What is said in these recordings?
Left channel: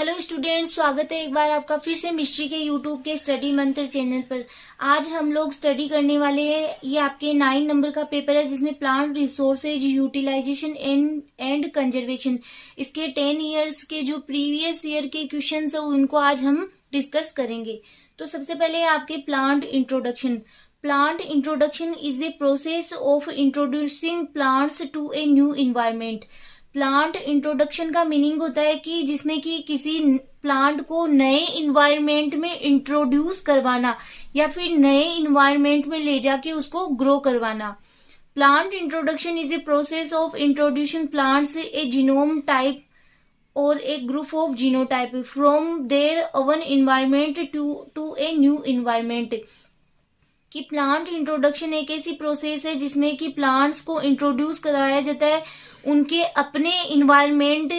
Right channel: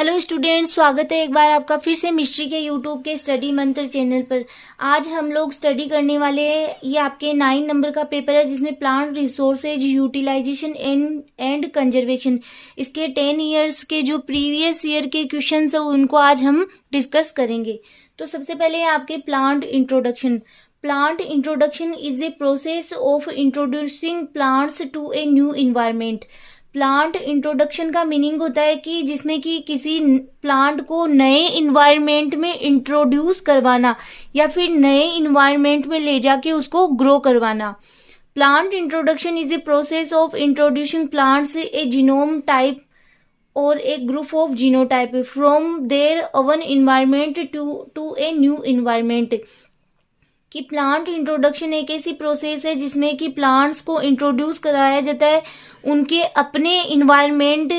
Hello students, स्वागत है एक बार आपका फिर से मिस्ट्री के यूट्यूब के स्टडी मंत्र चैनल पर। आज हम लोग स्टडी करने वाले हैं, ये आपके 9 नंबर का पेपर है जिसमें plant resources utilisation and conservation, इसके 10 इयर्स के जो प्रीवियस ईयर के क्वेश्चंस है उनको आज हम डिस्कस करेंगे। तो सबसे पहले है आपके plant introduction. Plant introduction is a process of introducing plants to a new environment. Plant introduction का मीनिंग होता है कि जिसमें कि किसी प्लांट को नए इन्वायरमेंट में इंट्रोड्यूस करवाना या फिर नए इन्वायरमेंट में ले जाके उसको ग्रो करवाना। Plant introduction is a process of introducing plants a genome type और a group of genotype from their own environment to a new environment. कि प्लांट इंट्रोडक्शन एक ऐसी प्रोसेस है जिसमें कि प्लांट्स को इंट्रोड्यूस कराया जाता है उनके अपने इन्वायरमेंट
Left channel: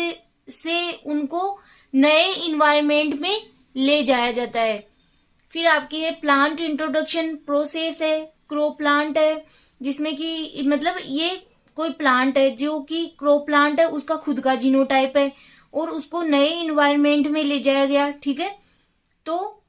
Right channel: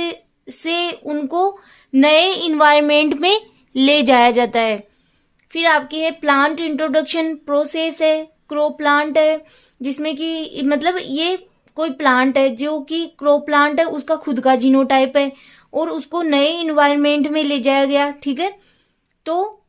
से उनको नए इन्वायरमेंट में ले जाया जाता है। फिर आपकी है प्लांट इंट्रोडक्शन प्रोसेस है क्रो प्लांट है, जिसमें कि मतलब ये कोई प्लांट है जो कि क्रो प्लांट है, उसका खुद का जीनोटाइप है और उसको नए इन्वायरमेंट में ले जाया गया। ठीक है, तो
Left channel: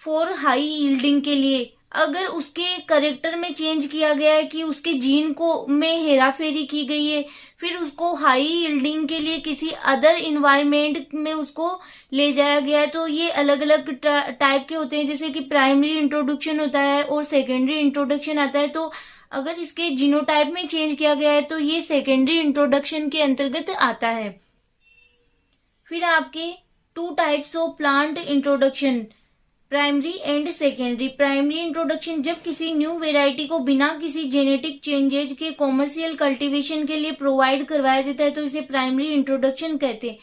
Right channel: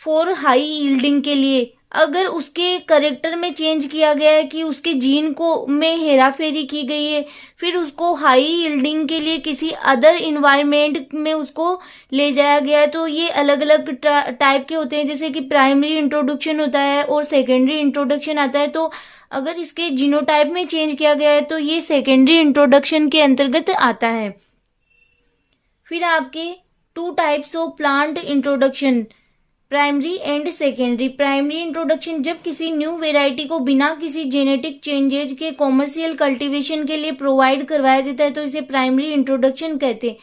फॉर हाई यील्डिंग के लिए अगर उसके करेक्टर में चेंज किया गया है कि उसके जीन को में हेरा फेरी की गई है, फिर उसको हाई यील्डिंग के लिए किसी अदर इन्वायरमेंट में उसको ले जाया गया है, तो ये अलग अलग टाइप के होते हैं। जैसे कि प्राइमरी इंट्रोडक्शन होता है और सेकेंडरी इंट्रोडक्शन आता है। तो अगर इसके जीनोटाइप में चेंज किया गया है तो ये सेकेंडरी इंट्रोडक्शन के अंतर्गत आता है। फिर आपके 2 types of plant introduction, primary and secondary. Primary introduction जब किसी न्यू वेराइटी को बिना किसी जेनेटिक चेंजेज के कॉमर्शियल कल्टीवेशन के लिए प्रोवाइड करवाया जाता है तो इसे प्राइमरी इंट्रोडक्शन कहते हैं।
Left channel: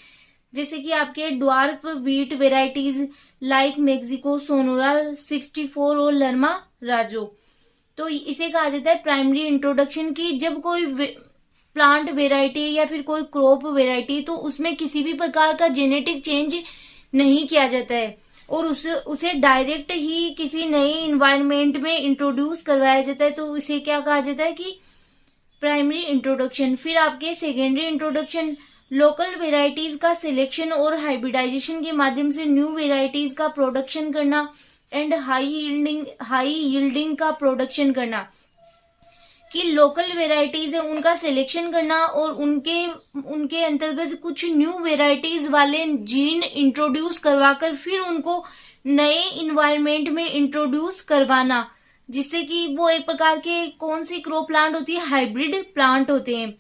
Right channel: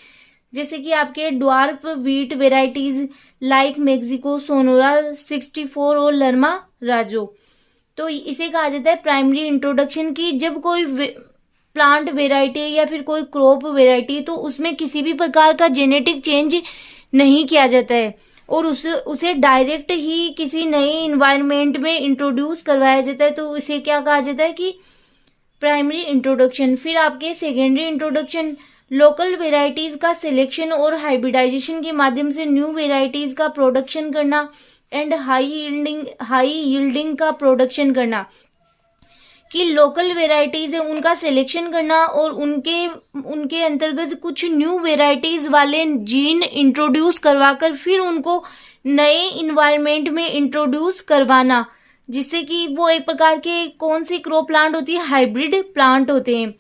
जैसे कि आपके dwarf wheat varieties like Mexico Sonora 64 और लर्मा राजो, तो इसे कहा जाता है प्राइमरी इंट्रोडक्शन। की जब कोई प्लांट वेराइटी या फिर कोई क्रॉप वेराइटी तो उसमें किसी भी प्रकार का जेनेटिक चेंज नहीं किया जाता है और उसे डायरेक्ट ही किसी नए इन्वायरमेंट में इंट्रोड्यूस करवाया जाता है, तो इसे क्या कहा जाता है कि प्राइमरी इंट्रोडक्शन। फिर आपके सेकेंडरी इंट्रोडक्शन, लोकल वेराइटीज का सिलेक्शन और हाइब्रिडाइजेशन के माध्यम से न्यू वेराइटीज का प्रोडक्शन करना एंड हाई यील्डिंग का प्रोडक्शन करना। कि लोकल वेराइटीज है उनका सिलेक्शन करना और उनके अंतर्गत कुछ न्यू वेराइटीज वाले जीन इंट्रोड्यूस करवाकर फिर उनको नए इन्वायरमेंट में इंट्रोड्यूस करवाना, जिससे कि वो एक प्रकार के कौन सी क्रो प्लांट होती है, हाइब्रिड प्लांट होते हैं।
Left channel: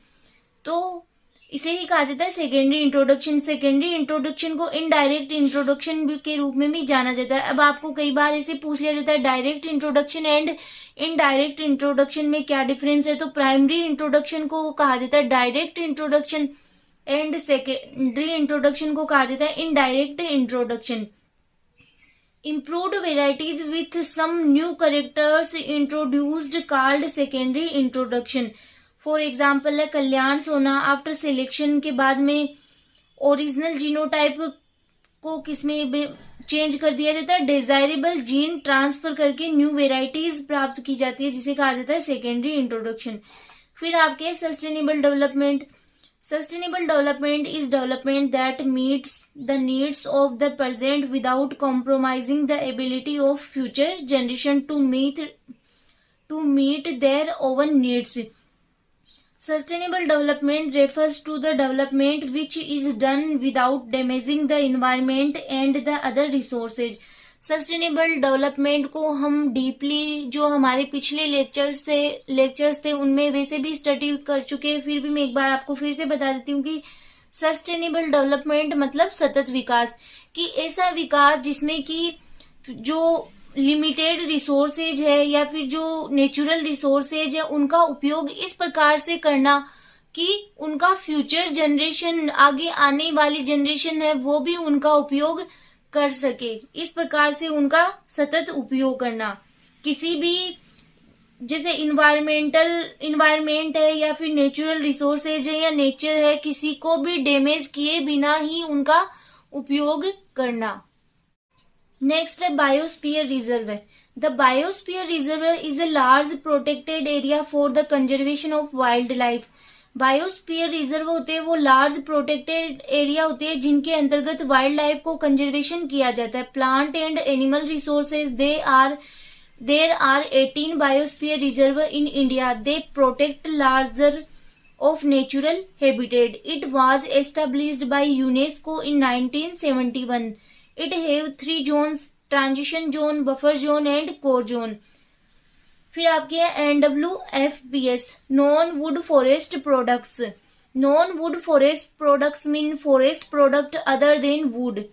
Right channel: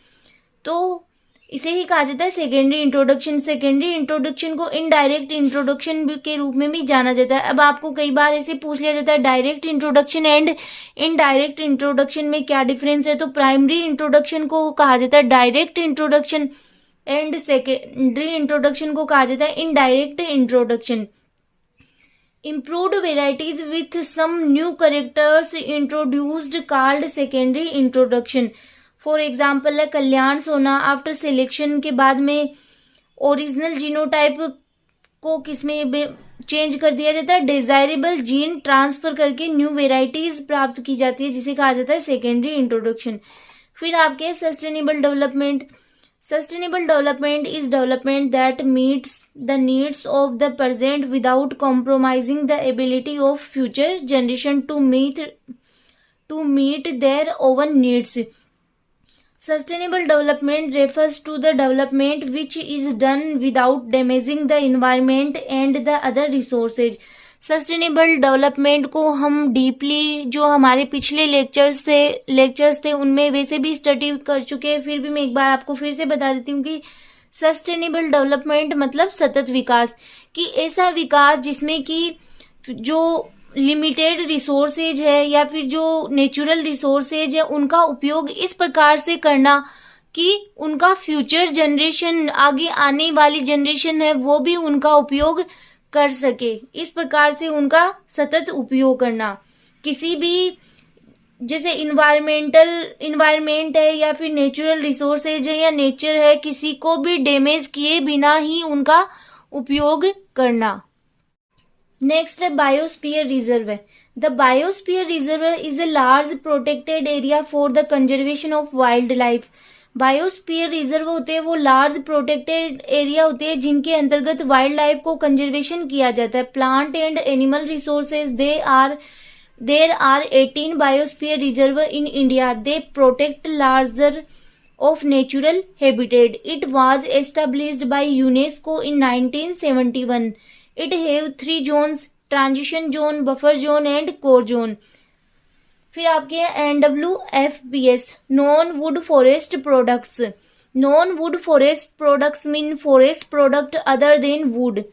तो इसे ही कहा जाता है सेकेंडरी इंट्रोडक्शन। सेकेंडरी इंट्रोडक्शन को इनडायरेक्ट इंट्रोडक्शन के रूप में भी जाना जाता है। अब आपको कई बार ऐसे पूछ लिया जाता है direct introduction and indirect introduction में क्या डिफरेंस है, तो प्राइमरी इंट्रोडक्शन को कहा जाता है direct introduction and secondary introduction को कहा जाता है indirect introduction. Improved varieties with some new characters introduced called secondary introduction. For example है कल्याण सोना, आफ्टर सिलेक्शन के बाद में ओरिजिनल जीनोटाइप को किसमें चेंज कर दिया जाता है, डिजायरेबल जीन ट्रांसफर करके न्यू वेराइटीज प्राप्त की जाती है, जिसे कहा जाता है सेकेंडरी इंट्रोडक्शन। फिर आपके sustainable development. Sustainable development is development that meets the needs of the present without compromising the ability of future generation to meet their own needs. Sustainable development refers to the development which is done without damaging the environment and the other resources. Sustainable development को हम deeply जो हमारे पिछले lectures थे उनमें वैसे भी study कर चुके हैं, फिर भी मैं एक बार आपको फिर से बता देती हूँ कि सस्टेनेबल डेवलपमेंट मतलब सतत विकास। कि ऐसा विकास जिसमें कि जो लिमिटेड रिसोर्सेज है या फिर जो नेचुरल रिसोर्सेज है उनका उपयोग इस प्रकार से करना कि उनका फ्यूचर जनरेशन, आगे आने वाली जनरेशन है वो भी उनका उपयोग कर सके, इस प्रकार से उनका सतत उपयोग करना। किसी भी जैसे इन्वायरमेंट है या फिर नेचुरल रिसोर्सेज है या नेचर है, किसी को भी डैमेज किए बिना ही उनका उपयोग करना। नेक्स्ट है बायोस्फीयर रिजर्व है। The biosphere reserve is a large protected area for the conservation of wild life. Biosphere reserve होते हैं वो लार्ज प्रोटेक्टेड एरिया होते हैं जिनके अंतर्गत वाइल्ड लाइफ को कंजर्वेशन किया जाता है. Plant and animal resources there are 18 biosphere reserve in India. They protect larger of natural habitat. It was established by UNESCO in 1971. It have 3 zones: transition zone, buffer zone and core zone. फिर आपके NWFPS, non wood forest products. Non wood forest products mean forest product other than wood.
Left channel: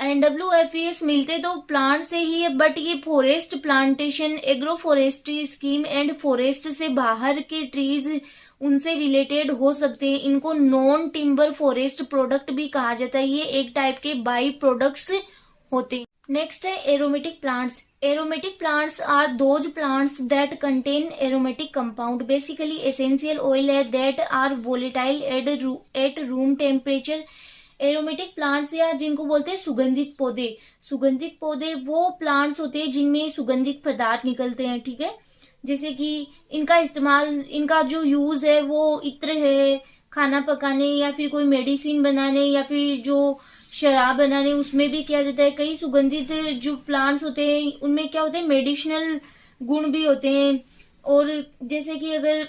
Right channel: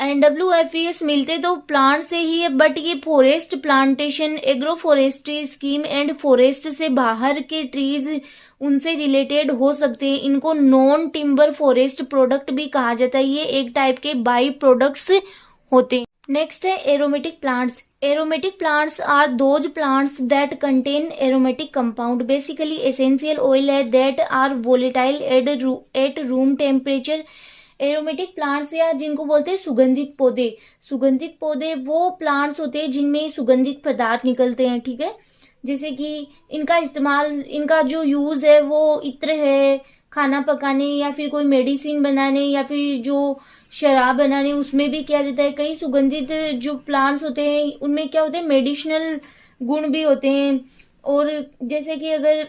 NWFPS मिलते तो plant से ही है, but ये forest plantation, agro forestry scheme and forest से बाहर के ट्रीज उनसे रिलेटेड हो सकते हैं. इनको नॉन टिम्बर फॉरेस्ट प्रोडक्ट भी कहा जाता है. ये एक टाइप के बाई प्रोडक्ट्स होते हैं. नेक्स्ट है aromatic plants. Aromatic plants are those plants that contain aromatic compound, basically essential oil है that are volatile at room temperature. Aromatic plants या जिनको बोलते हैं सुगंधित पौधे. सुगंधित पौधे वो प्लांट्स होते हैं जिनमें सुगंधित पदार्थ निकलते हैं. ठीक है, जैसे कि इनका इस्तेमाल, इनका जो यूज है वो इत्र है खाना पकाने या फिर कोई मेडिसिन बनाने या फिर जो शराब बनाने उसमें भी किया जाता है. कई सुगंधित जो प्लांट्स होते हैं उनमें क्या होते हैं, मेडिसिनल गुण भी होते हैं. और जैसे कि अगर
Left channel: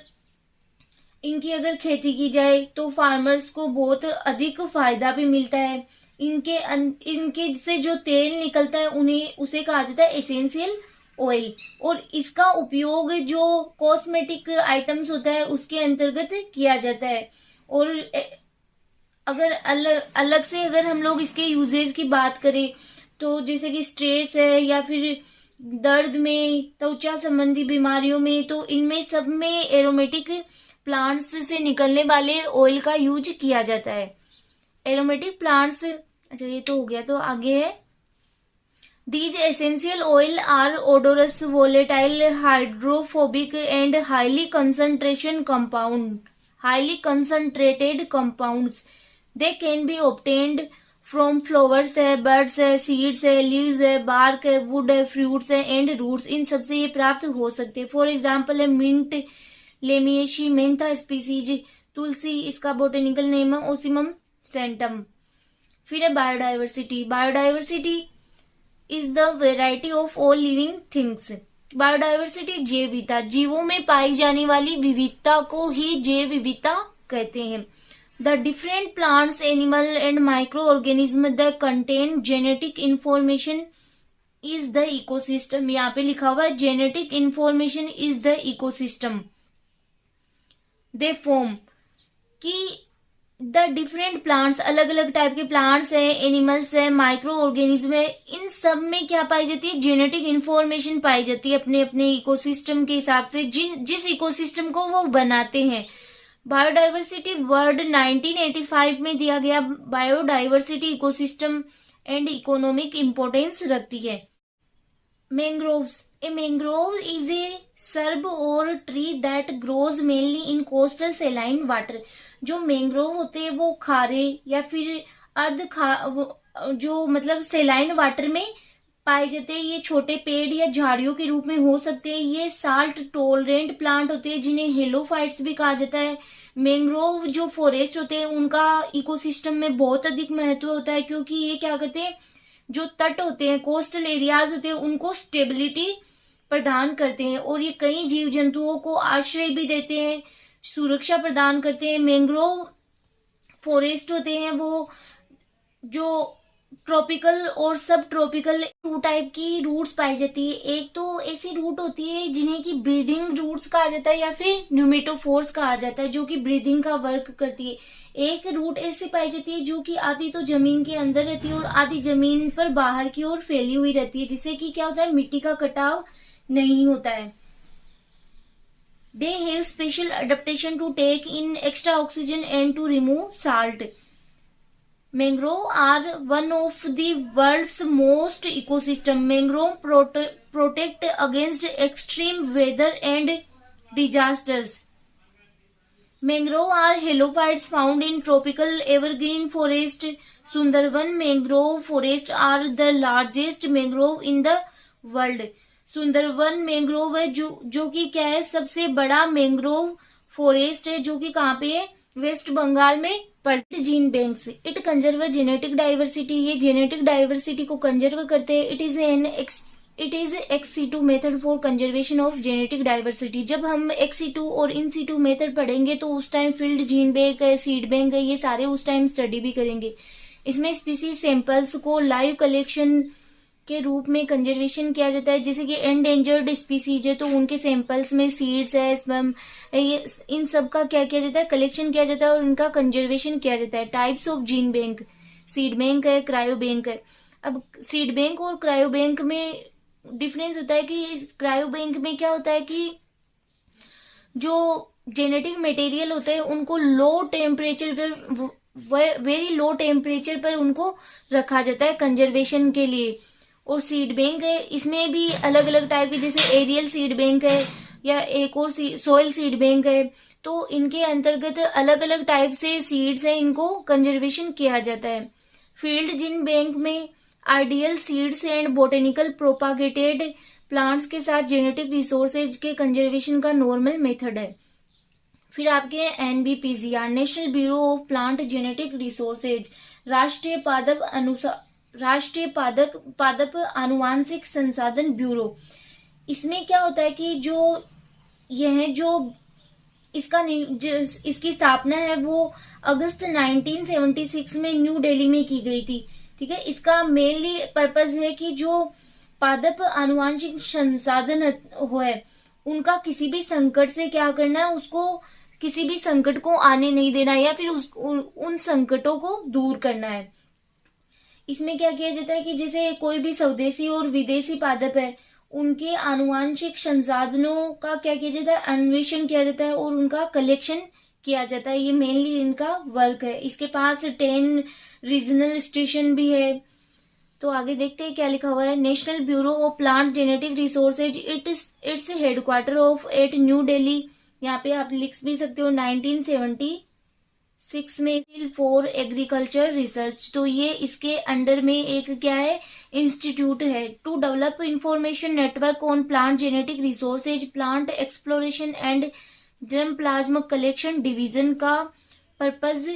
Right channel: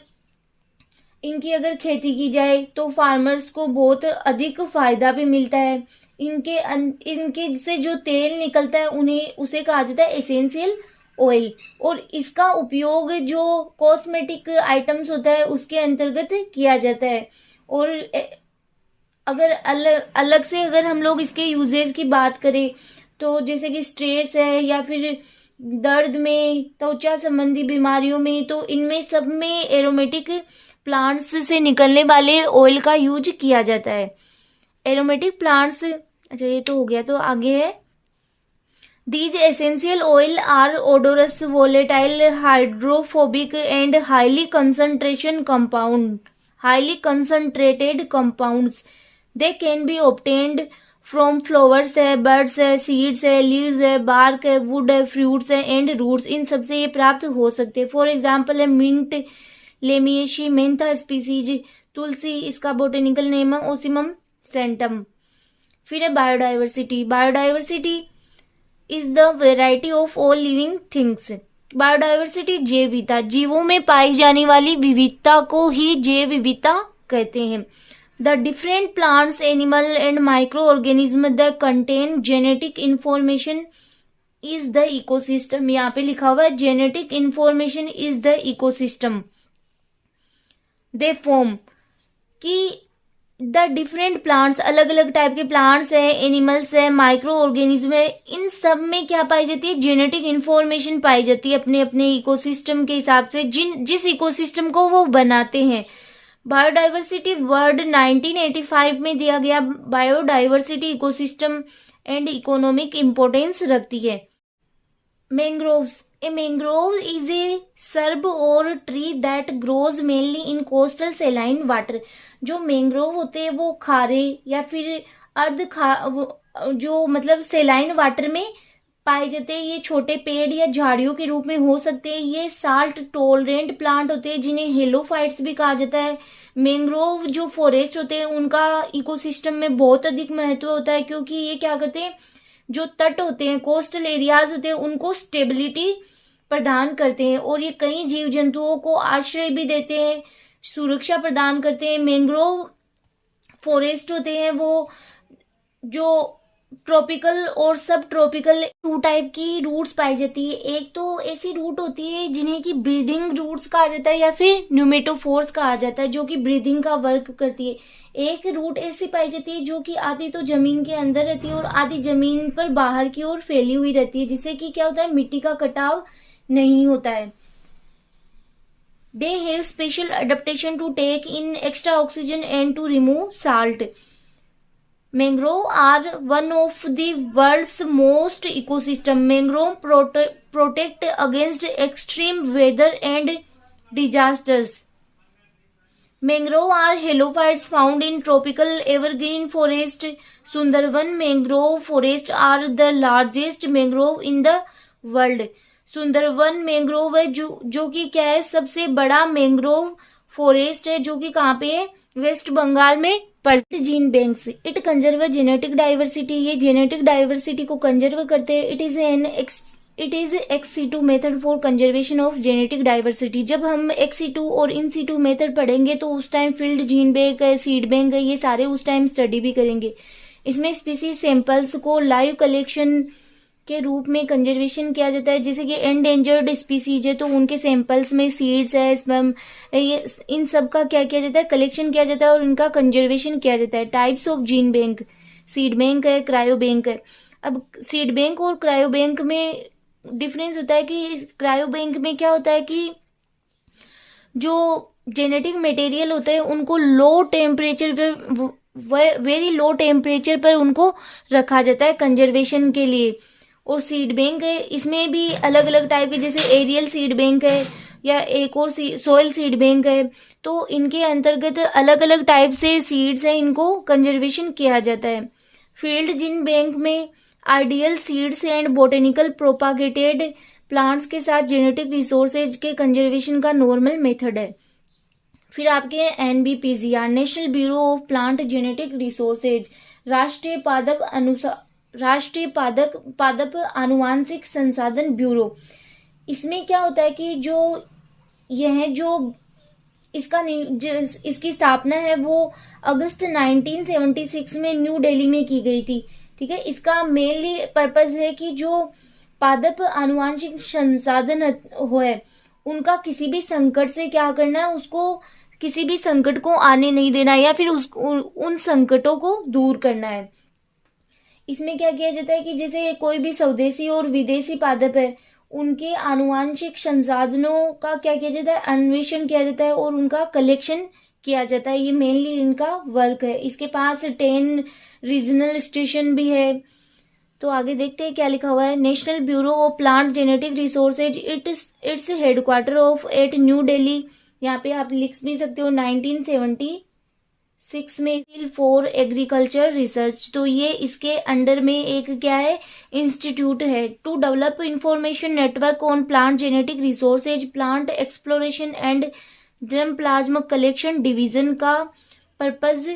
इनकी अगर खेती की जाए तो फार्मर्स को बहुत अधिक फायदा भी मिलता है. इनके से जो तेल निकलता है उन्हें उसे कहा जाता है एसेंशियल ऑयल. और इसका उपयोग जो कॉस्मेटिक आइटम्स होता है उसके अंतर्गत किया जाता है. और अगर अलग से अगर हम लोग इसके यूजेस की बात करें तो जैसे कि स्ट्रेस है या फिर दर्द में, त्वचा संबंधी बीमारियों में, तो इनमें सब में एरोमेटिक प्लांट्स से निकलने वाले ऑयल का यूज किया जाता है. एरोमेटिक प्लांट्स, अच्छा ये तो हो गया. तो आगे है These essential oil are odorous, volatile, hydrophobic and highly concentrated compounds. They can be obtained from flowers है, birds है, seeds है, leaves है, bark है, wood है, fruits है and roots. इन सबसे ये प्राप्त हो सकते हैं. फॉर एग्जाम्पल है मिंट, लेमिएशी, मेंथा स्पीसीज, तुलसी इसका बोटेनिकल नेम है ओसिमम सेंटम. फिर है biodiversity. Biodiversity is the variety of all living things. Biodiversity जैव विविधता, जीवों में पाई जाने वाली विविधता को ही जैव विविधता कहते हैं. The different plants, animal and micro organism the contain genetic information is the ecosystem. यहाँ पे लिखा हुआ है genetic information is the ecosystem. They form कि द डिफरेंट प्लांट्स, अलग अलग टाइप के प्लांट्स है, एनिमल्स है, माइक्रो ऑर्गेनिज्म है, इन सब में क्या पाई जाती है, जेनेटिक इंफॉर्मेशन पाई जाती है अपने अपने इकोसिस्टम के हिसाब से, जिस इकोसिस्टम को वो बनाते हैं. बायोडाइवर्सिटी वर्ड 1985 में दिया गया. Biodiversity ecosystem and economic importance रखती है. Mangroves. A mangrove is a shrub or tree that grows mainly in coastal saline water. जो मैंग्रोव होते हैं वो खारे या फिर जो मतलब सेलाइन वाटर में पाए जाते हैं. ये छोटे पेड़ या झाड़ियों के रूप में हो सकते हैं. ये साल्ट टॉलरेंट प्लांट होते हैं जिन्हें हेलोफाइट्स भी कहा जाता है. मैंग्रोव जो फॉरेस्ट होते हैं उनका इकोसिस्टम में बहुत अधिक महत्व होता है क्योंकि ये क्या करते हैं, जो तट होते हैं, कोस्टल एरियाज होते हैं, उनको स्टेबिलिटी प्रदान करते हैं और ये कई जीव जंतुओं को आश्रय भी देते हैं, सुरक्षा प्रदान करते हैं. मैंग्रोव फॉरेस्ट होते हैं वो जो ट्रॉपिकल और सब ट्रॉपिकल 2 टाइप की रूट्स पाई जाती है. एक तो ऐसी रूट होती है जिन्हें की ब्रीदिंग रूट्स कहा जाता है या फिर न्यूमेटोफोर्स कहा जाता है जो कि ब्रीदिंग का वर्क करती है. एक रूट ऐसी पाई जाती है जो कि आधी तो जमीन के अंदर रहती है और आधी जमीन पर बाहर की ओर फैली हुई रहती है, जिससे कि क्या होता है, मिट्टी का कटाव नहीं होता है. They have special adaptation to take in extra oxygen and to remove salt. Mangrove are one of the world's most ecosystem. Mangrove protect against extreme weather and disasters. Mangrove are halophytes found in tropical evergreen forest. Sundarban mangrove forest are the largest mangrove in the world. Sundarban mangrove है जो कि क्या है, सबसे बड़ा mangrove forest है जो कि कहाँ पे है, वेस्ट बंगाल में पड़ती। Gene banks it conserve genetic diversity, ये जेनेटिक डाइवर्सिटी को कंजर्व करते हैं। It is x-C2 method for conservation of genetic diversity. जब हम एक्स-सी2 और इन-सी2 मेथड पढ़ेंगे तो उस टाइम फील्ड जीन बैंक है, सीड बैंक है, ये सारे उस टाइम स्टडी भी करेंगे। इसमें स्पीसीज सैंपल्स को लाइव कलेक्शन के रूप में कंजर्वेशन किया जाता है। जैसे कि एंडेंजर्ड स्पीसीज है तो उनके सैंपल्स में सीड्स है, स्पर्म, ये इन सब का क्या किया जाता है, कलेक्शन किया जाता है और इनका कंजर्वेशन किया जाता है। Types of gene bank, seed bank है, क्रायो बैंक है। अब सीड बैंक और क्रायो बैंक में डिफरेंस होता है कि क्रायो बैंक में क्या होता है कि जो जेनेटिक मटेरियल होते हैं उनको लो टेम्परेचर पर, वेरी लो टेम्परेचर पर उनको रखा जाता है कंजर्वेशन के लिए। और सीड बैंक है, इसमें भी अलग अलग टाइप के, जैसे एरियल सीड बैंक है या एक और सोयल सीड बैंक है, तो इनके अंतर्गत अलग अलग टाइप से सीड्स है, इनको कंजर्वेशन किया जाता है। फील्ड जीन बैंक में ideal seeds and botanical propagated plants के साथ जेनेटिक रिसोर्सेज के कंजर्वेशन का नॉर्मल मेथड है। फिर आपके NBPGR, national bureau of plant genetic resources, राष्ट्रीय पादप आनुवांशिक संसाधन ब्यूरो। इसमें क्या होता है कि इसकी स्थापना है वो अगस्त 1976 में न्यू दिल्ली में की गई थी। ठीक है, इसका मेनली पर्पस है कि जो पादप आनुवांशिक संसाधन है उनका किसी भी संकट से क्या करना है, उसको किसी भी संकट को आने नहीं देना या फिर उन संकटों को दूर करना है। इसमें क्या किया जाता है कि जैसे कोई भी स्वदेशी और विदेशी पादप है उनके आनुवांशिक संसाधनों का क्या किया जाता है, अन्वेषण किया जाता है और उनका कलेक्शन किया जाता है। ये मेनली इनका वर्क है। इसके पास 10 रीजनल स्टेशन भी है। तो आगे देखते हैं क्या लिखा हुआ है। National bureau of plant genetic Resources its headquarter of at New Delhi. यहाँ पे आप लिख भी सकते हो 1976 में फॉर एग्रीकल्चर रिसर्च। तो ये इसके अंडर में एक क्या है, इंस्टीट्यूट है। To develop information network on plant genetic resources, plant exploration and germ plasm collection division का पर्पज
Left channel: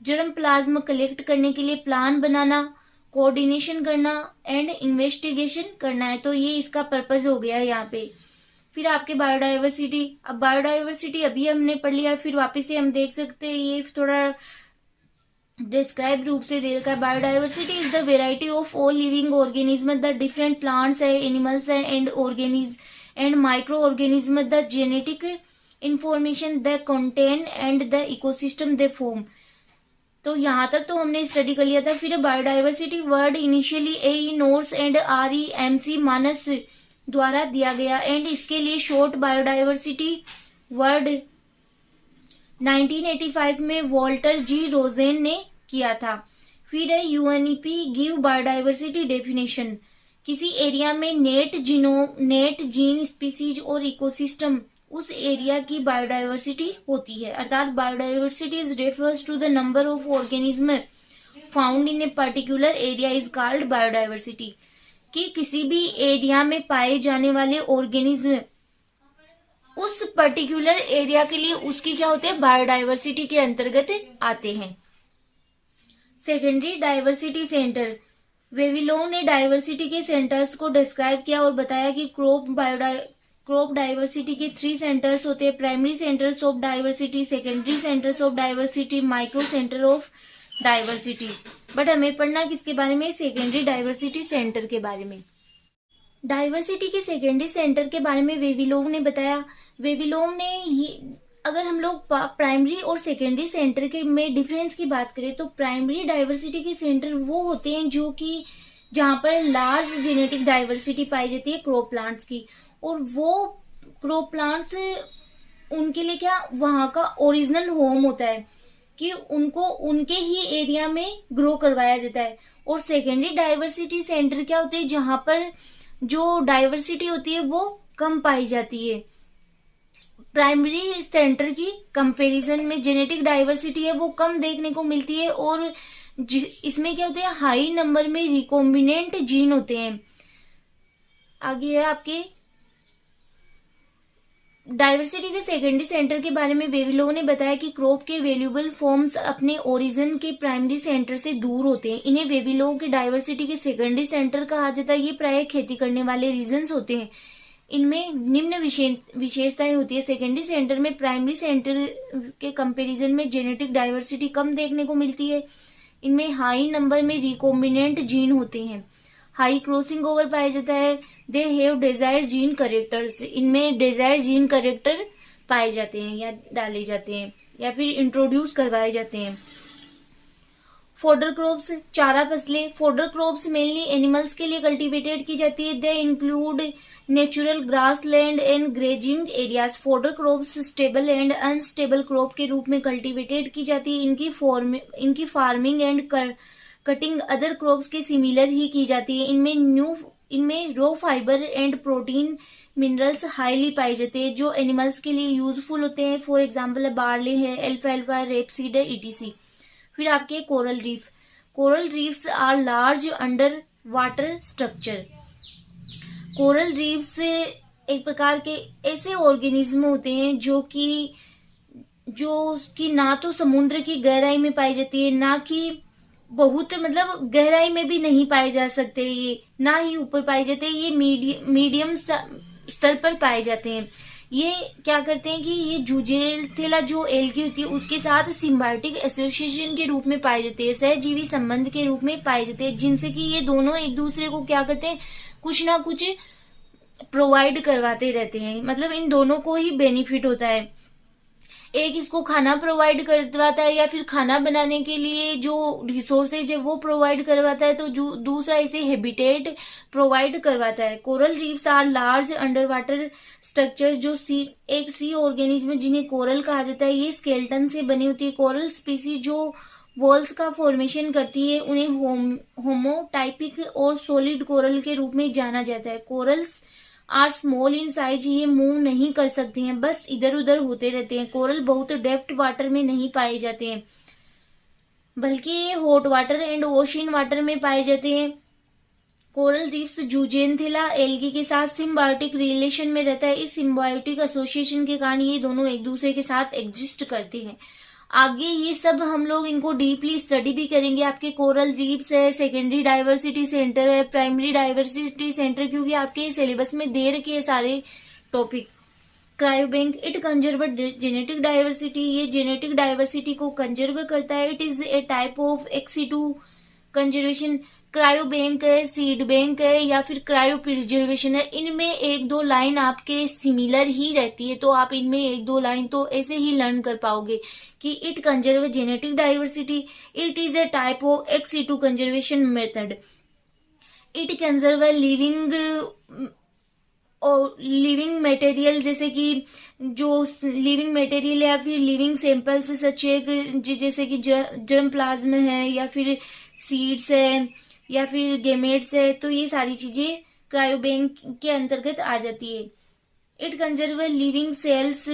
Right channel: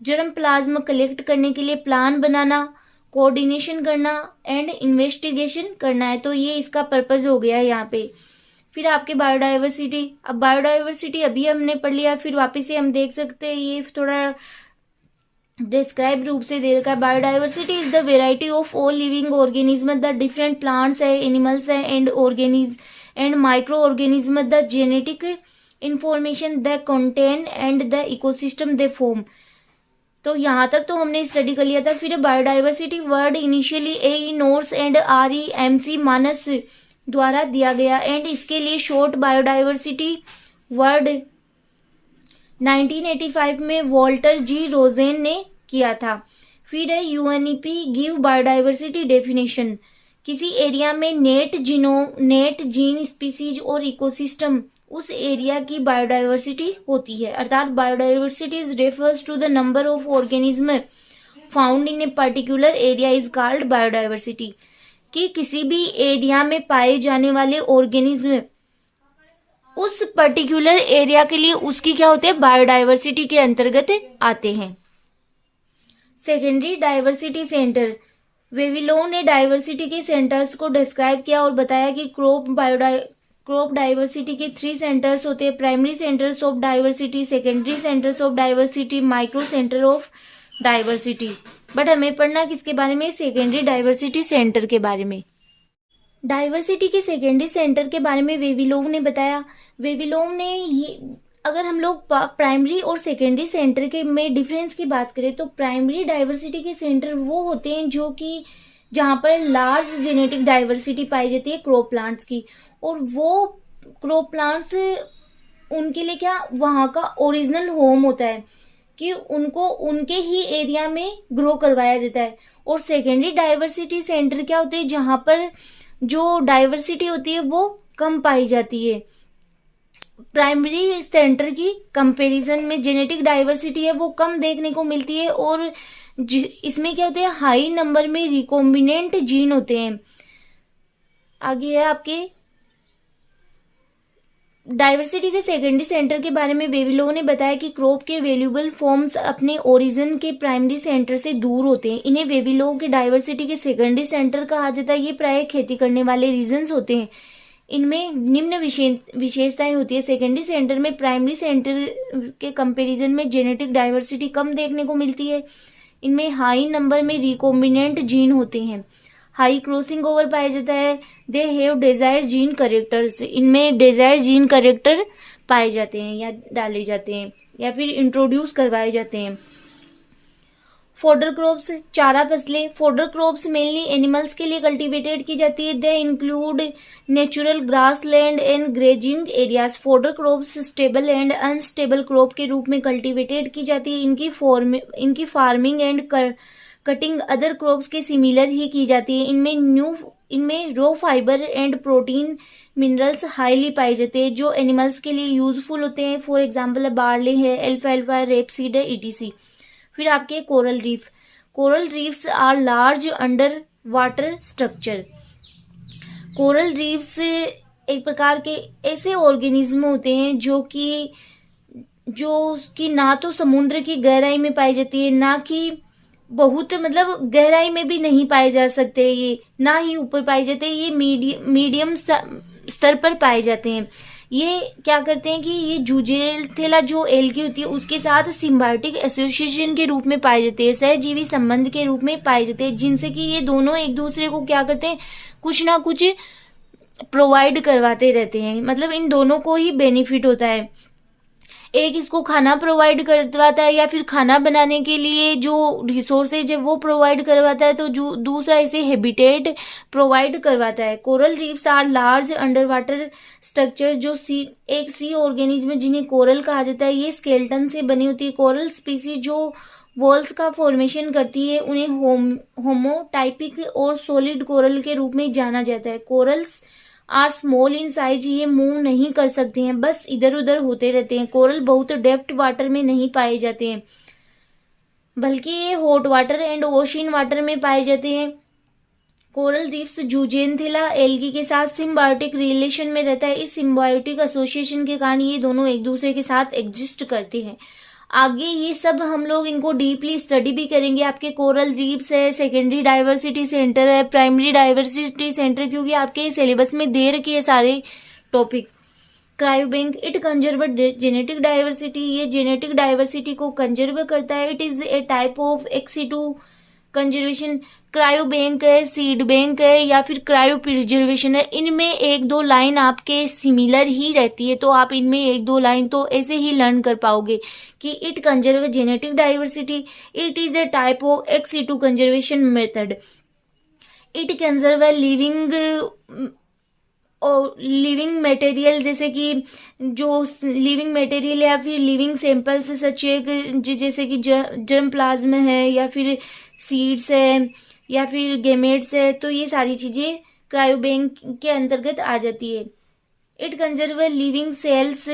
जर्म प्लाज्म कलेक्ट करने के लिए प्लान बनाना, कोऑर्डिनेशन करना एंड इन्वेस्टिगेशन करना है। तो ये इसका पर्पज हो गया यहाँ पे। फिर आपके बायोडाइवर्सिटी, अब बायोडाइवर्सिटी अभी हमने पढ़ लिया, फिर वापस से हम देख सकते हैं, ये थोड़ा डिस्क्राइब रूप से दे रखा है। Biodiversity is the variety of all living organism, the different plants है, एनिमल्स है and micro organism, the genetic information the contain and the ecosystem they form. तो यहाँ तक तो हमने स्टडी कर लिया था। फिर biodiversity word initially E Norse and REMC मानस द्वारा दिया गया एंड इसके लिए शॉर्ट बायोडाइवर्सिटी वर्ड 1985 में वॉल्टर जी रोजेन ने किया था। फिर है UNEP गिव बायोडाइवर्सिटी डेफिनेशन, किसी एरिया में नेट जीन स्पीसीज और इकोसिस्टम उस एरिया की बायोडाइवर्सिटी होती है। अर्थात biodiversity is refers to the number of organism found in a particular area is called biodiversity, कि किसी भी एरिया में पाए जाने वाले ऑर्गेनिज्म उस पर्टिकुलर एरिया के लिए उसकी क्या होते हैं, बायोडाइवर्सिटी के अंतर्गत आते हैं। सेकेंडरी डाइवर्सिटी सेंटर, वेविलोव ने डाइवर्सिटी के सेंटर्स को डिस्क्राइब किया और बताया कि क्रॉप डाइवर्सिटी के 3 सेंटर्स होते हैं, primary centres of diversity, secondary centres of diversity, micro centre of diversity. But हमें पढ़ना किसके बारे में, सेकेंडरी डाइवर्सिटी सेंटर के बारे में। डाइवर्सिटी के सेकेंडरी सेंटर के बारे में वेविलोव ने बताया। वेविलोव ने अगर हम लोग प्राइमरी और सेकेंडरी सेंटर के में डिफरेंस की बात करें तो प्राइमरी डाइवर्सिटी के सेंटर वो होते हैं जो कि जहां पर लार्ज जेनेटिक डाइवर्सिटी पाई जाती है क्रॉप प्लांट्स की, और वो क्रॉप प्लांट्स उनके लिए क्या वहां का ओरिजिनल होम होता है कि उनको उनके ही एरिया में ग्रो करवाया जाता है। और सेकेंडरी डाइवर्सिटी सेंटर क्या होते हैं जहां पर जो डाइवर्सिटी होती है वो कम पाई जाती है। प्राइमरी सेंटर की कंपैरिजन में जेनेटिक डाइवर्सिटी है वो कम देखने को मिलती है और इसमें क्या होते हैं, हाई नंबर में रिकॉम्बिनेंट जीन होते हैं। आगे है आपके डाइवर्सिटी के सेकेंडरी सेंटर के बारे में बेबी लोगों ने बताया कि क्रॉप के वैल्यूएबल फॉर्म्स अपने ओरिजिन के प्राइमरी सेंटर से दूर होते हैं। इन्हें बेबी लोगों के डाइवर्सिटी के सेकेंडरी सेंटर कहा जाता है। ये प्राय खेती करने वाले रीजन्स होते हैं। इनमें निम्न विशेषताएं होती है। सेकेंडरी सेंटर में प्राइमरी सेंटर के कंपैरिजन में जेनेटिक डाइवर्सिटी कम देखने को मिलती है। इनमें हाई नंबर में रिकॉम्बिनेंट जीन होते हैं। हाई क्रॉसिंग ओवर पाया जाता है। They have Dzire gene characters. इनमें डिजायर जीन करेक्टर पाए जाते हैं या डाले जाते हैं या फिर इंट्रोड्यूस करवाए जाते हैं। फोडर क्रॉप्स, चारा फसलें। फोडर क्रॉप्स मेनली एनिमल्स के लिए कल्टीवेटेड की जाती है। They include natural grass land and grazing areas. Fodder crops stable and unstable crop के रूप में कल्टीवेटेड की जाती है। इनकी farming and cutting other crops के सिमिलर ही की जाती है। इनमें raw fiber and protein minerals highly पाए जाते हैं जो एनिमल्स के लिए यूजफुल होते हैं। फॉर एग्जाम्पल बार्ले है, एल्फाल्फा है, रेपसीड है, ईटीसी। फिर आपके coral reef. Coral reefs are large under water structure. Coral reefs एक प्रकार के ऐसे ऑर्गेनिज्म होते हैं जो कि ना तो समुद्र की गहराई में पाई जाती है, ना कि बहुत मतलब गहराई में भी नहीं पाए जा सकते, ये ना ही ऊपर पाए जाते हैं। ये मीडियम स्तर पर पाए जाते हैं। ये क्या करते हैं कि ये जूजेलथेला जो एल्गी होती है उसके साथ सिम्बायोटिक एसोसिएशन के रूप में पाए जाते हैं, सहजीवी संबंध के रूप में पाए जाते हैं, जिनसे कि ये दोनों एक दूसरे को क्या करते हैं, कुछ ना कुछ प्रोवाइड करवाते रहते हैं। मतलब इन दोनों को ही बेनिफिट होता है। एक इसको खाना प्रोवाइड करवाता है या फिर खाना बनाने के लिए जो रिसोर्सेज है वो प्रोवाइड करवाता है, तो दूसरा इसे हैबिटेट प्रोवाइड करवाता है। Coral reefs are large under water structure जो एक सी ऑर्गेनिज्म जिन्हें कोरल कहा जाता है, ये स्केलेटन से बनी होती है। कोरल स्पीसीज जो वॉल्स का फॉर्मेशन करती है उन्हें होमोटाइपिक और सॉलिड कोरल के रूप में जाना जाता है। Corals are small in size. ये मूव नहीं कर सकते हैं, बस इधर उधर होते रहते हैं। कोरल बहुत डेप्थ वाटर में नहीं पाए जाते हैं, बल्कि ये hot water and ocean water में पाए जाते हैं। कोरल रीफ्स जूजेनथेला एल्गी के साथ सिम्बायोटिक रिलेशन में रहता है। इस सिम्बायोटिक एसोसिएशन के कारण ये दोनों एक दूसरे के साथ एग्जिस्ट करते हैं। आगे ये सब हम लोग इनको डीपली स्टडी भी करेंगे। आपके कोरल रीफ्स है, सेकेंडरी डाइवर्सिटी सेंटर है, प्राइमरी डाइवर्सिटी सेंटर, क्योंकि आपके सिलेबस में दे रखे हैं सारे topic. Cryobank, it conserve genetic diversity. ये जेनेटिक डाइवर्सिटी को कंजर्व करता है। It is a type of ex situ conservation. Cryo bank है, सीड बैंक है या फिर क्रायो प्रिजर्वेशन है। इनमें एक दो लाइन आपके सिमिलर ही रहती है, तो आप इनमें एक दो लाइन तो ऐसे ही लर्न कर पाओगे कि it conserve genetic diversity. It is a type of ex situ conservation method. It conserve living material, जैसे कि जो लिविंग मटेरियल या फिर लिविंग सैंपल्स सच जैसे कि जर्म प्लाज्म है या फिर सीड्स है या फिर गेमेट्स है, तो ये सारी चीजें क्रायोबैंक के अंतर्गत आ जाती है। It conserve living cells,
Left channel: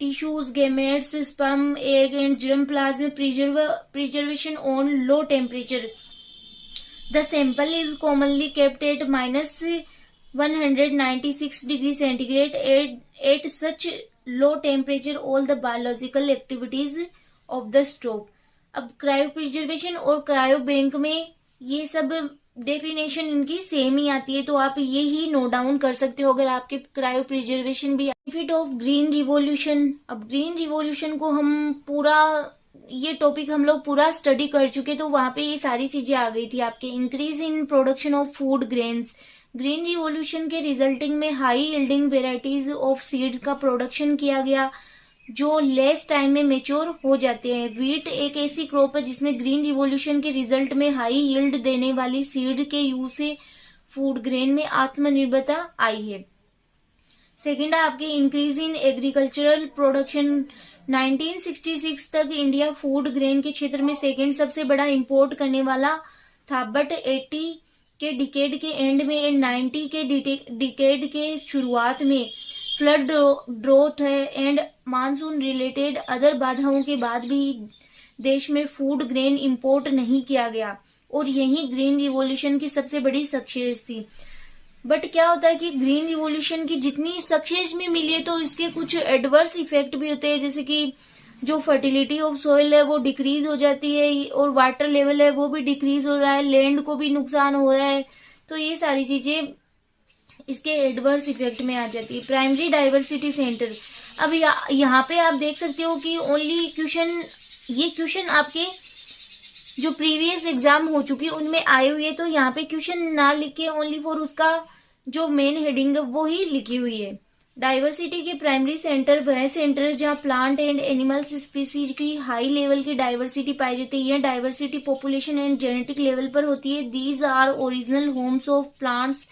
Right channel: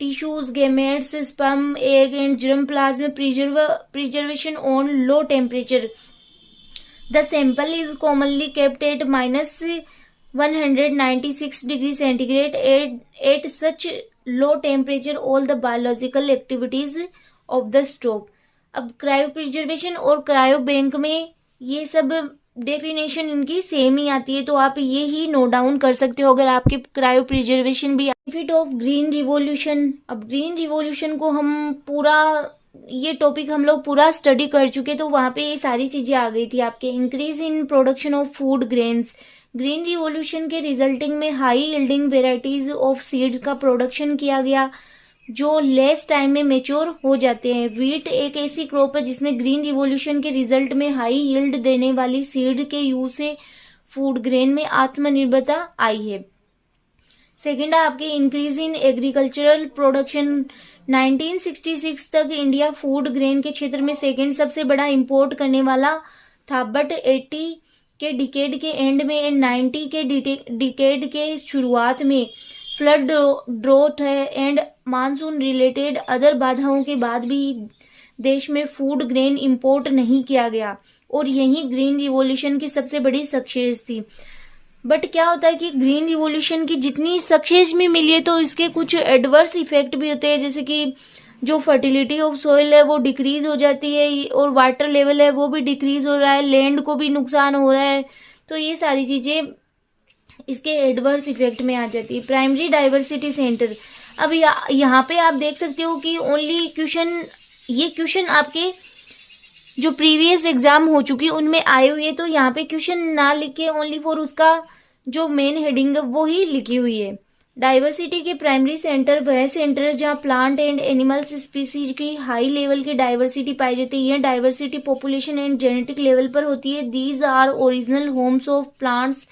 tissues, gametes, sperm, egg and germ plasm preservation on low temperature. The sample is commonly kept at -196 degree centigrade. At such low temperature all the biological activities of the stock. अब cryo preservation और cryo bank में ये सब definition इनकी same ही आती है, तो आप ये ही नोट डाउन कर सकते हो अगर आपके क्रायो प्रिजर्वेशन भी। Benefit of green revolution. अब ग्रीन रिवॉल्यूशन को हम पूरा ये टॉपिक हम लोग पूरा स्टडी कर चुके, तो वहां पे ये सारी चीजें आ गई थी आपके। Increase in production of food grains. Green revolution के रिजल्टिंग में high yielding varieties of seeds का प्रोडक्शन किया गया जो लेस टाइम में मेच्योर हो जाते हैं। वीट एक ऐसी क्रॉप है जिसमें ग्रीन रिवॉल्यूशन के रिजल्ट में हाई यील्ड देने वाली सीड के यूज से फूड ग्रेन में आत्मनिर्भरता आई है। सेकेंड है आपके इंक्रीज इन एग्रीकल्चरल प्रोडक्शन। 1966 तक इंडिया फूड ग्रेन के क्षेत्र में सेकेंड सबसे बड़ा इंपोर्ट करने वाला था, बट 80 के डिकेड के एंड में एंड 90 के डिकेड के शुरुआत में फ्लड, ड्रोथ है एंड मानसून रिलेटेड अदर बाधाओं के बाद भी देश में फूड ग्रेन इंपोर्ट नहीं किया गया और यही ग्रीन रिवॉल्यूशन की सबसे बड़ी सक्सेस थी। बट क्या होता है कि ग्रीन रिवॉल्यूशन की जितनी सक्सेस में मिली है तो इसके कुछ एडवर्स इफेक्ट भी होते हैं, जैसे कि जो फर्टिलिटी ऑफ सोइल है वो डिक्रीज हो जाती है और वाटर लेवल है वो भी डिक्रीज हो रहा है, लैंड को भी नुकसान हो रहा है। तो ये सारी चीजें इसके एडवर्स इफेक्ट में आ जाती है। प्राइमरी डाइवर्सिटी सेंटर, अब यहाँ पे आप देख सकते हो कि ओनली क्वेश्चन, ये क्वेश्चन आपके जो प्रीवियस एग्जाम हो चुकी उनमें आए हुए, तो यहाँ पे क्वेश्चन ना लिख के ओनली फॉर उसका जो मेन हेडिंग है वो ही लिखी हुई है। डाइवर्सिटी के प्राइमरी सेंटर वह सेंटर है जहाँ प्लांट एंड एनिमल्स स्पीसीज की हाई लेवल की डाइवर्सिटी पाई जाती है। यह diversity population and genetic level पर होती है। These are original homes of plants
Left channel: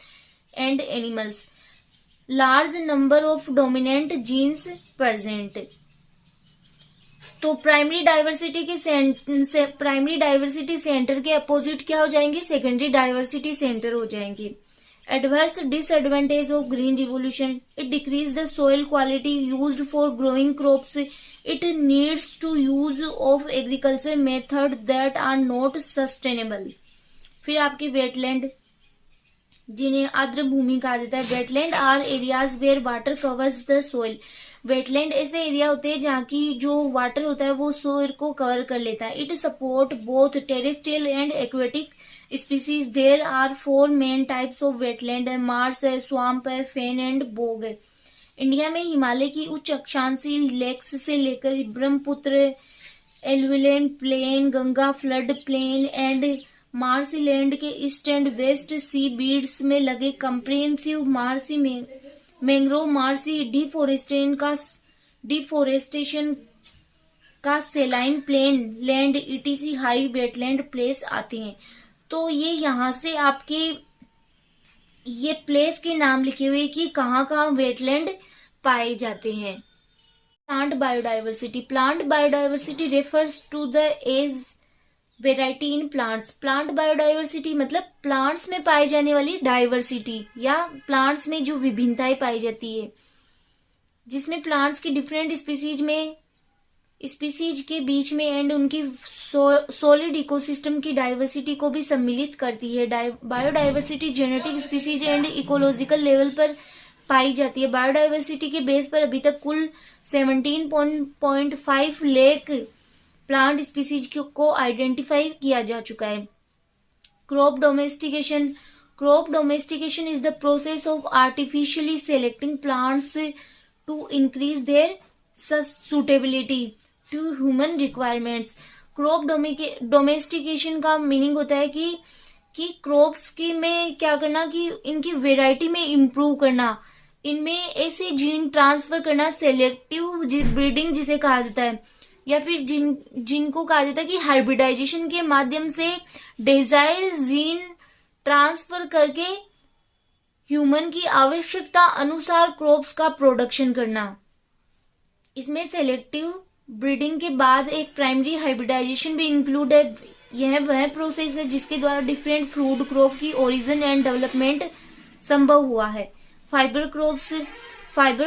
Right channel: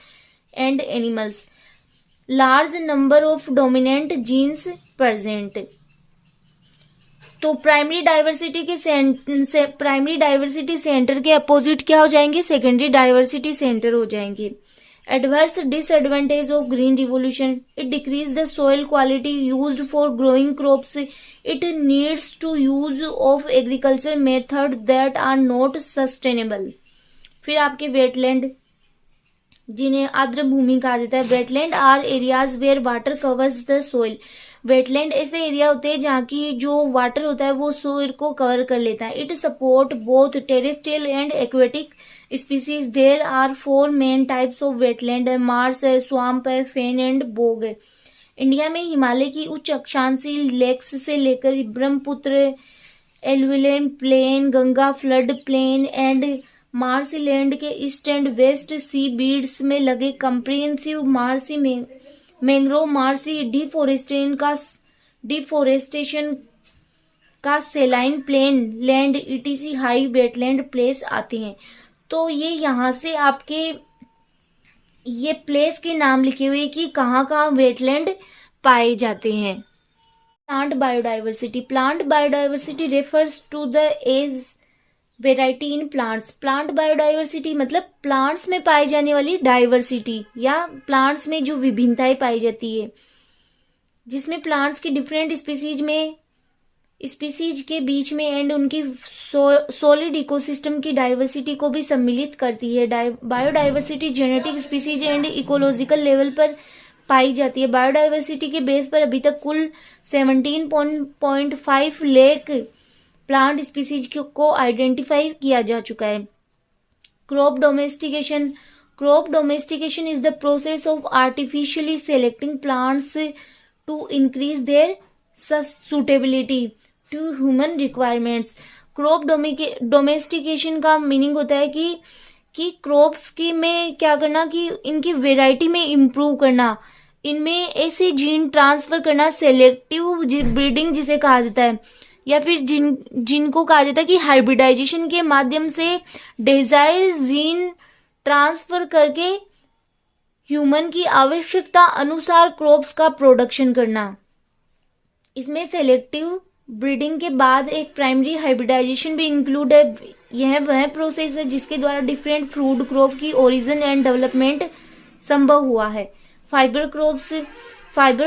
and animals, large number of dominant genes present. तो प्राइमरी डाइवर्सिटी सेंटर के अपोजिट क्या हो जाएंगे, सेकेंडरी डाइवर्सिटी सेंटर हो जाएंगे। Adverse disadvantage of green revolution, it decrease the soil quality used for growing crops, it needs to use of agriculture method that are not sustainable. फिर आपके wetland, जिन्हें आर्द्र भूमि कहा जाता है। Wetland are areas where water covers the soil, wetland ऐसे area होते हैं जहाँ की जो वाटर होता है वो सोइल को कवर कर लेता है। It support both terrestrial and aquatic species. There are 4 main types of wetland है, मार्स है, स्वाम्प है, फेन एंड बोग है। इंडिया में हिमालय की उच्च अक्षांशील लेक्स से लेकर Brahmaputra, alluvial plain, Ganga flood plain and marshland के east and west sea beds में लगे कंप्रिहेंसिव मार्सी में मैंग्रोव, मार्सी डिफोरेस्टेशन का saline plain land etc high wetland place आते हैं। तो ये यहाँ से आपके ये प्लेस के नाम लिखे हुए कि कहाँ कहाँ वेटलैंड पाए जाते हैं। Plant biodiversity refers to the age variety in plants. Plant biodiversity मतलब प्लांट्स में पाई जाने वाली डाइवर्सिटी या प्लांट्स में जो विभिन्नताएं पाई जाती है, जिसमें प्लांट्स की डिफरेंट स्पीसीज के बीच में एंड उनकी सॉलिड इकोसिस्टम की डाइवर्सिटी को भी सम्मिलित करती है। Biodiversity genetic species and ecological level पर पाई जाती है। बायोडाइवर्सिटी के बेस पर अभी तक कुल 17.5 लाख प्लांट स्पीसीज को आइडेंटिफाई किया जा चुका है। Crop domestication is the process of artificially selecting plants to increase their suitability to human requirements. Crop domestication का मीनिंग होता है कि क्रॉप्स की में क्या करना, कि इनकी वेराइटी में इम्प्रूव करना, इनमें ऐसे जीन ट्रांसफर करना, सेलेक्टिव ब्रीडिंग जिसे कहा जाता है, या फिर जिनको कहा जाता है कि हाइब्रिडाइजेशन के माध्यम से डिजायर्ड जीन ट्रांसफर करके ह्यूमन की आवश्यकता अनुसार क्रॉप्स का प्रोडक्शन करना। इसमें सेलेक्टिव ब्रीडिंग के बाद एक प्राइमरी हाइब्रिडाइजेशन भी इंक्लूड है। यह वह प्रोसेस है जिसके द्वारा डिफरेंट फ्रूट क्रॉप की ओरिजिन एंड डेवलपमेंट संभव हुआ है। Fibre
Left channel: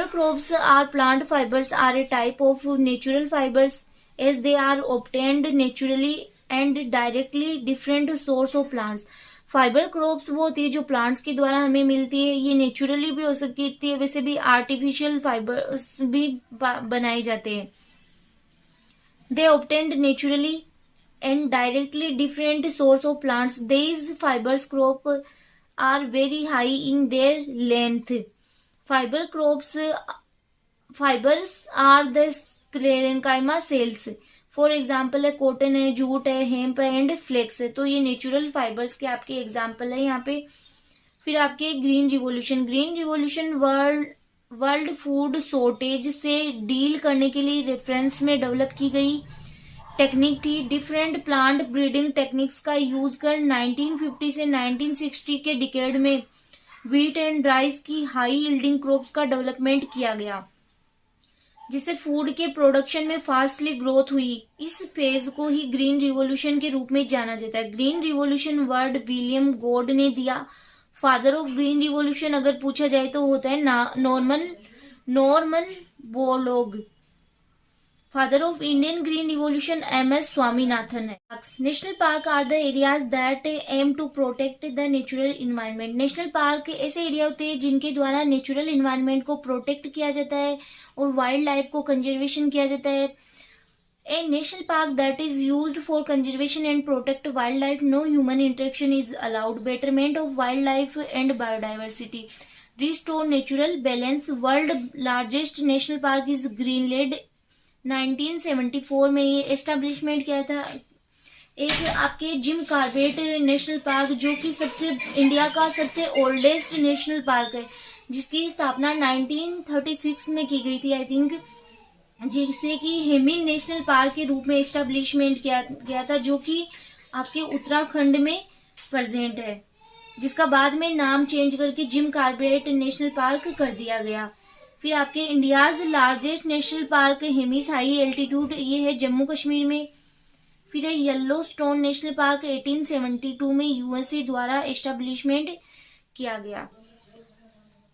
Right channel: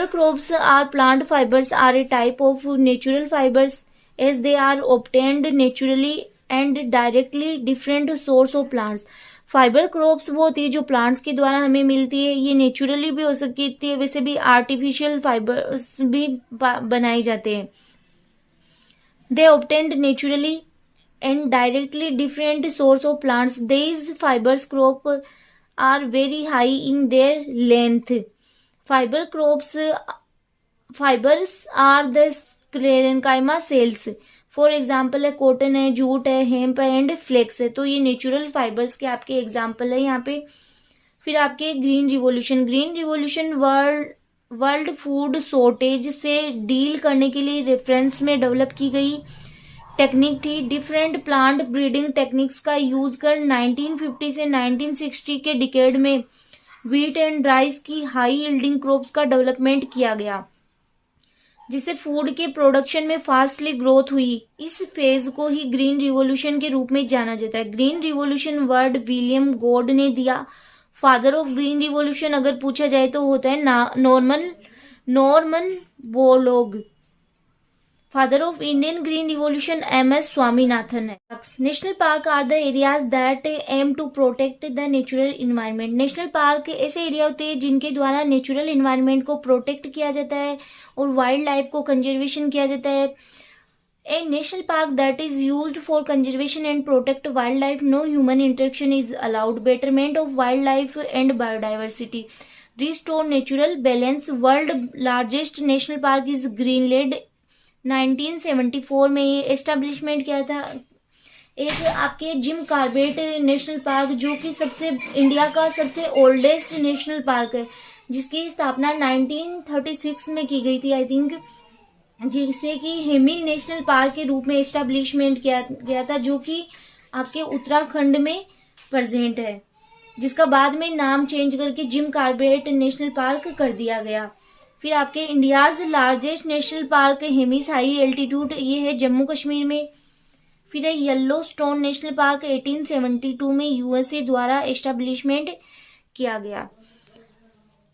crops are plant fibres are a type of natural fibres as they are obtained naturally and directly different source of plants. Fibre crops वो होती है जो प्लांट्स के द्वारा हमें मिलती है। ये नेचुरली भी हो सकती है, वैसे भी आर्टिफिशियल फाइबर्स भी बनाए जाते हैं। They obtained naturally and directly different source of plants. These fibers crop are very high in their length. Fibers are the sclerenchyma cells. For example है कॉटन है, जूट है, हेम्प है एंड फ्लेक्स है। तो ये नेचुरल फाइबर्स के आपके example है यहाँ पे। फिर आपके green revolution world food shortage से डील करने के लिए रेफरेंस में डेवलप की गई टेक्निक थी। डिफरेंट प्लांट ब्रीडिंग टेक्निक्स का यूज कर 1950 से 1960 के डिकेड में व्हीट एंड राइस की हाई यील्डिंग क्रॉप्स का डेवलपमेंट किया गया, जिससे फूड के प्रोडक्शन में फास्टली ग्रोथ हुई। इस फेज को ही ग्रीन रिवॉल्यूशन के रूप में जाना जाता है। Green revolution word William God ने दिया। फादर ऑफ ग्रीन रिवॉल्यूशन अगर पूछा जाए तो होता है Norman Borlaug. Father of Indian green revolution MS Swaminathan है। National park are the areas that aim to protect the natural environment. National park ऐसे एरिया होते हैं जिनके द्वारा नेचुरल इन्वायरमेंट को प्रोटेक्ट किया जाता है और वाइल्ड लाइफ को कंजर्वेशन किया जाता है। A national park that is used for conservation and protect wildlife, no human interaction is allowed. Betterment of wildlife and biodiversity. Restore natural balance. World largest national park is Greenland. 1974 में ये establishment किया था। एक आपके Jim Corbett national park जो कि सबसे India का सबसे ओल्डेस्ट नेशनल पार्क है, जिसकी स्थापना 1936 में की गई थी आई थिंक, जिसे कि हेमी नेशनल पार्क के रूप में एस्टेब्लिशमेंट किया गया था, जो कि आपके उत्तराखंड में प्रेजेंट है, जिसका बाद में नाम चेंज करके जिम कॉर्बेट नेशनल पार्क कर दिया गया। फिर आपके India's largest national park Hemis high altitude, ये है जम्मू कश्मीर में। फिर है येलो स्टोन नेशनल पार्क 1872 में USA द्वारा एस्टेब्लिशमेंट किया गया।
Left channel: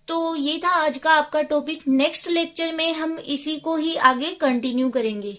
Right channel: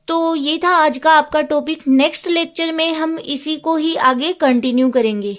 तो ये था आज का आपका टॉपिक। नेक्स्ट लेक्चर में हम इसी को ही आगे कंटिन्यू करेंगे।